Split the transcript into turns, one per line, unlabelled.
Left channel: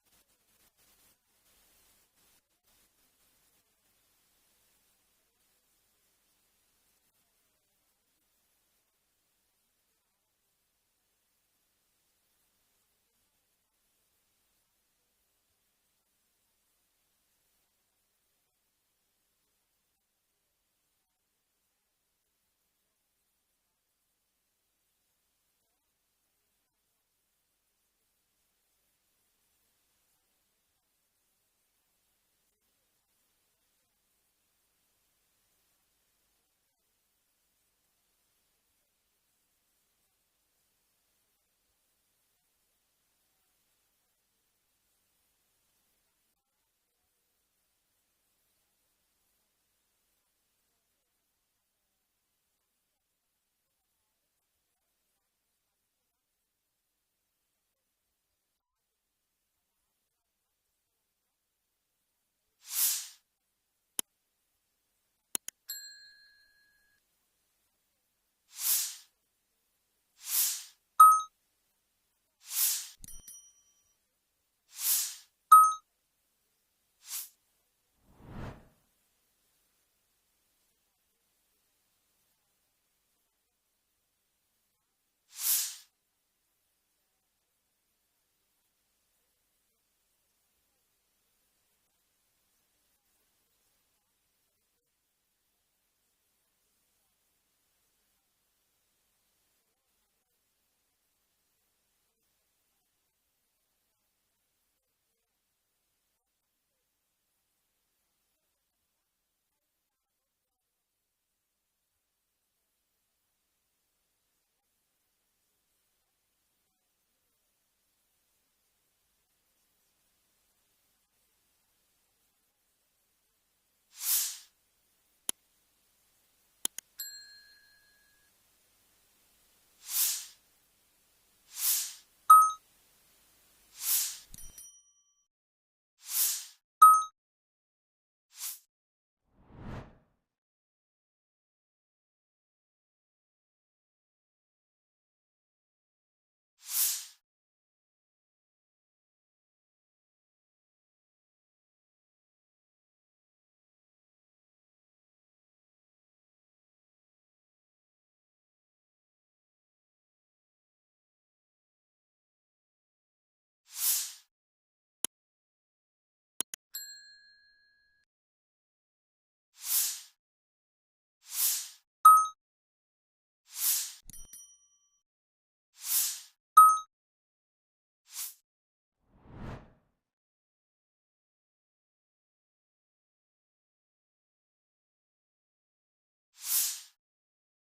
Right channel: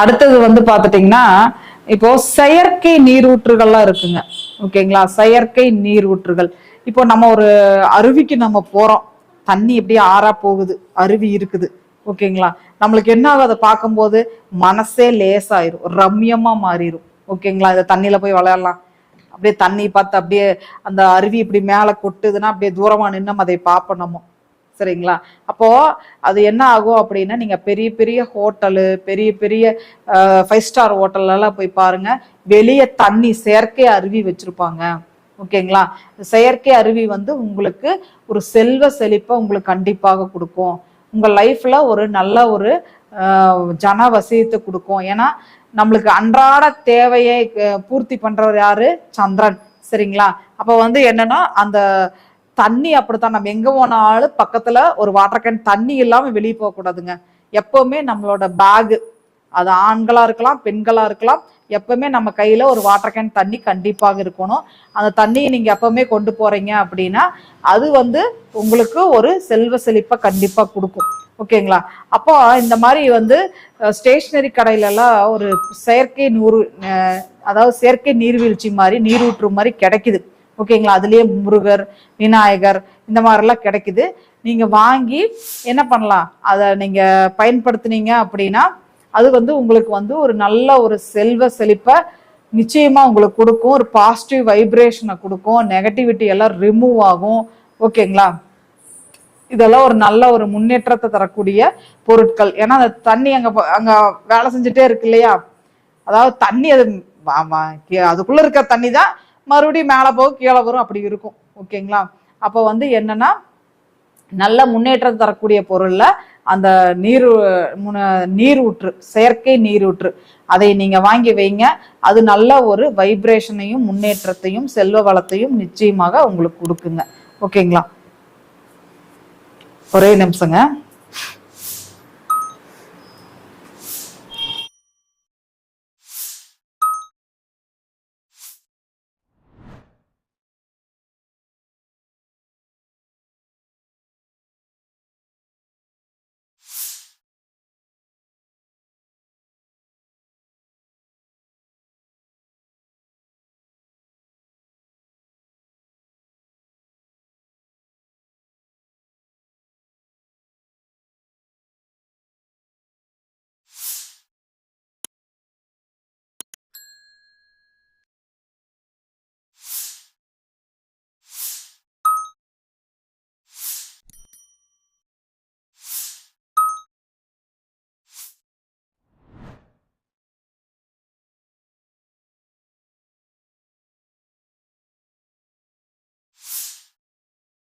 அடுத்தது வந்து பார்த்துட்டிங்கன்னா இப்போ செயற்கை நீரூற்றுகள்லாம் இருக்குங்க. ஓகேங்களா? செயற்கை நீரூற்றுகள். இப்போ நம்ம ஒரு அருவிக்கு நம்ம போறோம். தண்ணி அப்படியே ஆறா போகுது. அருவி இருக்குது. ஓகேங்களா? நம்மளுக்கு என்ன ஆகும்? அதை பார்க்கும்போது மனசே லேசாயிரும். ரம்யமா மாறிடும் ஓகேங்களா? இந்த தண்ணியில போய் விளையாடலாம். அப்படியே தண்ணி பார்த்து அப்படியே அந்த அருவி இப்படி மேலே கொட்டுதுன்னா அப்படியே தூரமாக நின்று அதை பார்ப்போம் நம்ம. சரிங்களா? அப்போ அது என்ன ஆகும் அப்படின்னா நீங்க பெரிய பெரிய ஹோட்டலு பெரிய பெரிய ஃபைவ் ஸ்டார் ஹோட்டல்லாம் போய் பாருங்க. வெளியே தண்ணி செயற்கை அருவி வச்சிருப்பாங்க. ஓகேங்களா? செயற்கை அருவி வந்து உங்களுக்கு ஒரு செல்வ செழிப்பை உங்களுக்கு கண்டிப்பாக கொடுக்கும். உங்க லைஃப்ல ஒரு நல்ல ஒரு ஜன வசியத்தை கொடுக்கும். ஏன்னா நம்மளுக்கு அன்றாட தேவையை பூர்த்தி பண்றவர் யாரு? சந்திரன். சரிங்களா? அப்ப வந்து என்னன்னா அந்த தண்ணி அப்படித்தான். நம்ம எங்க போனாலும் பக்கத்துல ஒரு வாட்டர் கேன் தண்ணி இல்லாம வெளியே போக கூடாதுங்க. எப்பவுமே நம்மளோட பேக் அது ஆண்களா இருக்கலாம் பெண்களா இருக்கலாம் எப்பவுமே நம்ம கையில ஒரு வாட்டர் கேன் தண்ணி கண்டிப்பாக இருக்கணும். அந்த தண்ணியை நீங்க எப்பவுமே கொண்டு போறீங்க அப்படின்னா அது வந்து உங்களுக்கு ஒரு செல்வ செழிப்பை கண்டிப்பா கொடுக்கும். ஓகேங்களா? அப்போ இந்த மாதிரி வந்து ஸ்டேஷ்னரி கடையில எல்லாம் ஒரு செயற்கை நூறு அதாவது செயற்கை நீர்வீழ்ச்சி மாதிரி நீரூற்று மாதிரி கிடைக்குது. ஓகேங்களா? அதுலேயே முருகர் விநாயகர் இந்த மாதிரிலாம் கிடைக்குது. நீங்கள் வாங்கி என்ன பண்ணலாம்? அதை நீங்கள் பயன்படுத்துனீங்க அப்படின்னா அது வந்து உங்களுக்கு வந்து ஒரு நல்ல ஒரு செல்வ செழிப்பை நிச்சயமாக உங்களுக்கு கொடுக்கும். ஒரு பாசிட்டிவ் வைப்ரேஷனை கொடுக்கும். நெகட்டிவிட்டி எல்லாம் ரிமூவ் ஆகும். ஓகேங்களா? இதெல்லாம் ஒரு நல்ல ஒரு முன்னேற்றத்தை தரக்கூடிய பொருட்கள். ஏன்னா அந்த தண்ணி அங்கே அங்கே வேலை செஞ்சுட்டே இருக்கு இல்லையா? அதாவது தண்ணி அது அதுக்குள்ளே இருக்கிற தண்ணி தான் மறுபடியும் மேலே போகும் கீழே வரும் அப்படி இருக்கும். ஓகேங்களா? அப்போ வந்து என்னன்னா நல்ல முன்னேற்றம் தரக்கூடிய பொருளில் அந்த நீர் முன- நீரூற்று செயற்கை நீரூற்று அதை நீங்க வாங்கி வைங்க. அது நல்ல ஒரு வைப்ரேஷனையும் முன்னேற்றத்தையும் செல்வ வளத்தையும் நிச்சயமாக உங்களுக்கு கொடுக்குங்க. ஓகேங்களா? ஒரே நிமிஷங்க.